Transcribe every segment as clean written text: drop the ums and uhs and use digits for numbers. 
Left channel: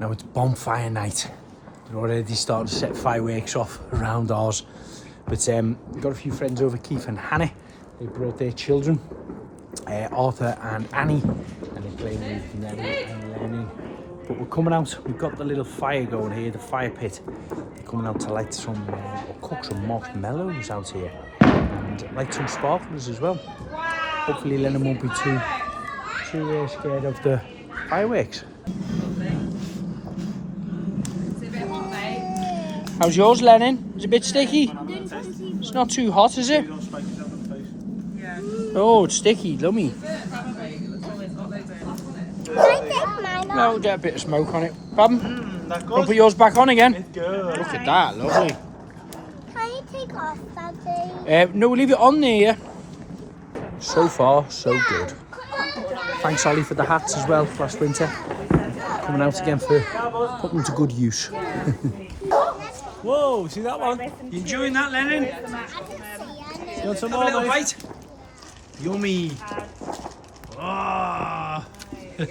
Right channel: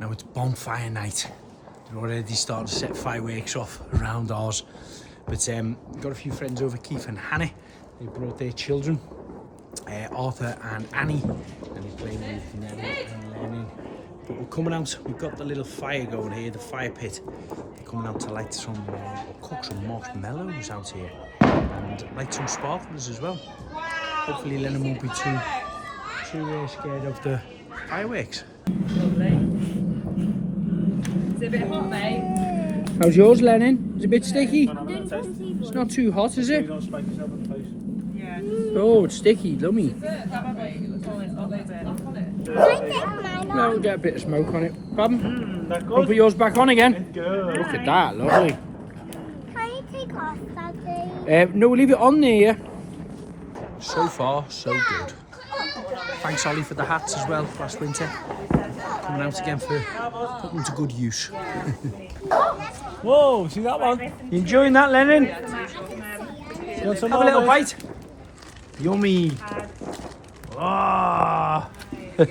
Now it's bonfire night. We're already starting to set fireworks off around ours. But we've got a few friends over, Keith and Hannah. They brought their children, Arthur and Annie, and they're playing with Nelly and Lenny. But we're coming out, we've got the little fire going here, the fire pit. They're coming out to light some, or cook some marshmallows out here. And light some sparklers as well. Hopefully Lennon won't be too scared of the fireworks. It's a bit hot, mate. How's yours, Lennon? Is it a bit sticky? It's not too hot, is it? Yeah. Oh, it's sticky, lummy. No, we'll get a bit of smoke on it. Pardon? We'll put yours back on again. Look at that, lovely. Can you take off that? No, we'll leave it on there. So far, so good. Thanks, Ollie, for the hats as well last winter. Coming out again for putting them to good use. Whoa, see that one? You enjoying that, Lennon? You want some more, have a little bite? Yummy. Ah. You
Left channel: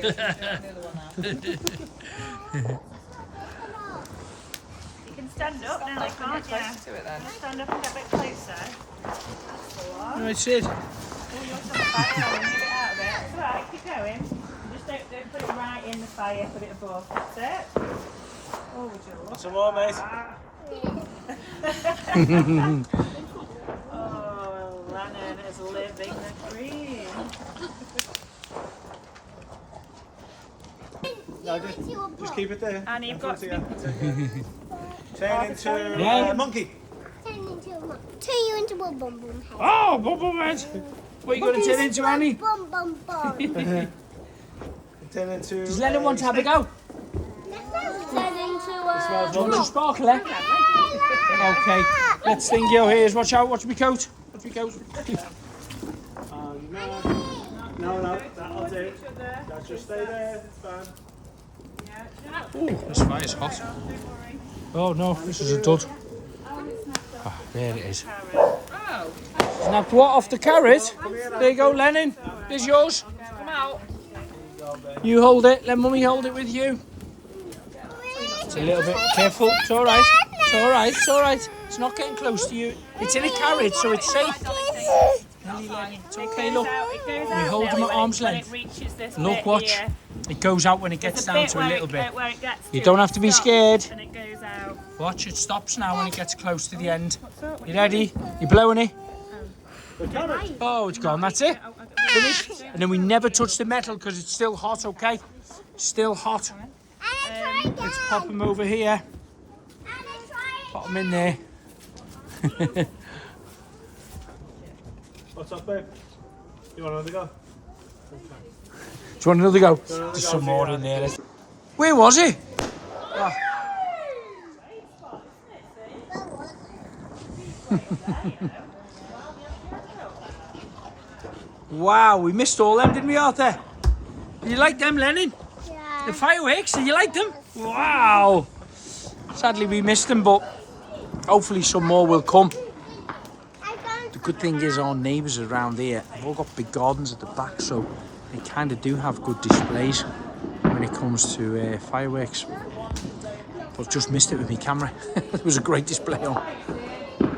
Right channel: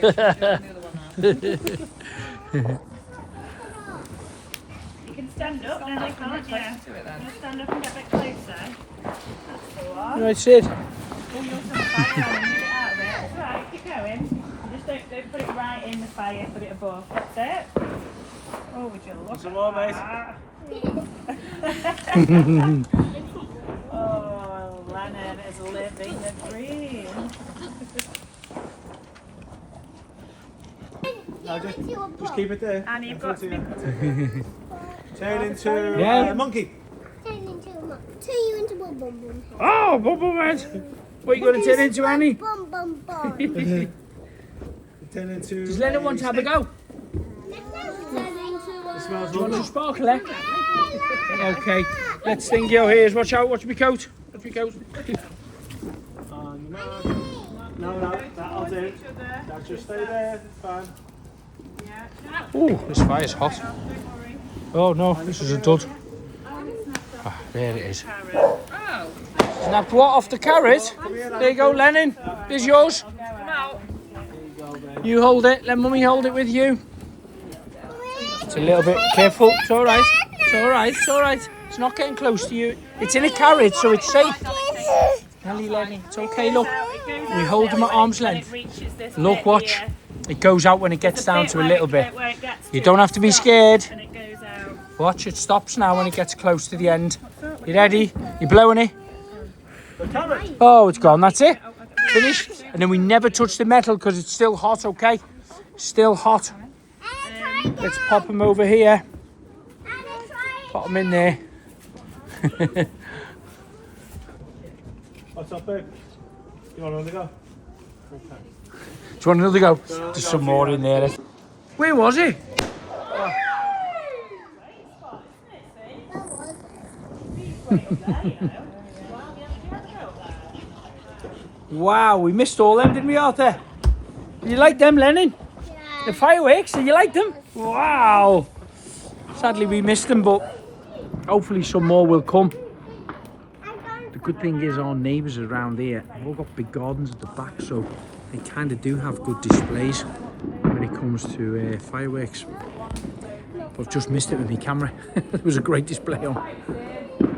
can stand up now, can't you? Stand up and get a bit closer. Right, Sid. Right, keep going. Just don't put it right in the fire, put it above. That's it. Oh, would you look Some more, mate. Oh, Lennon is living the dream. No, just keep it there. And you've got to Turn into Yeah. a monkey. Turn you into a bum bum head. Oh, bubble head. What are you going to turn into, Annie? Bum bum bum. Turn into. Does Lennon want to have a go? Turn into a... Smells Do you want lovely. some sparkler? Okay, let's sting your ears. Watch out, watch me coat. Watch me coat. No, that'll do. That just stay there. It's fine. Oh, this fire's hot. Oh no, this is a dud. Ah, there it is. Now what off the carrot? There you go, Lennon. There's yours. You hold it. Let Mummy hold it with you. It's a little bit careful. It's all right. It's all right. It's all right. It's not getting close to you. It's in a carrot, so it's safe. Nelly, Lenny, it's okay. Look, we hold them at arm's length. Look, watch. It goes out when it gets down to a little bit. You don't have to be scared. And it goes out. Watch, it stops now when it gets close to the end. You ready? You blowing it? Oh, it's gone. That's it. Finished. And then we never touch the metal because it's still hot, okay? Still hot. Let's pop them over here. Pop them in there. What's up, babe? You want another go? Okay. Do you want another go? There's some more in there. Where was he? Oh. Wow, we missed all them, didn't we, Arthur? You like them, Lennon? Yeah. The fireworks, did you like them? Wow. Sadly, we missed them, but hopefully some more will come. The good thing is our neighbours around here have all got big gardens at the back, so they kind of do have good displays when it comes to fireworks. But I've just missed it with my camera. There was a great display on.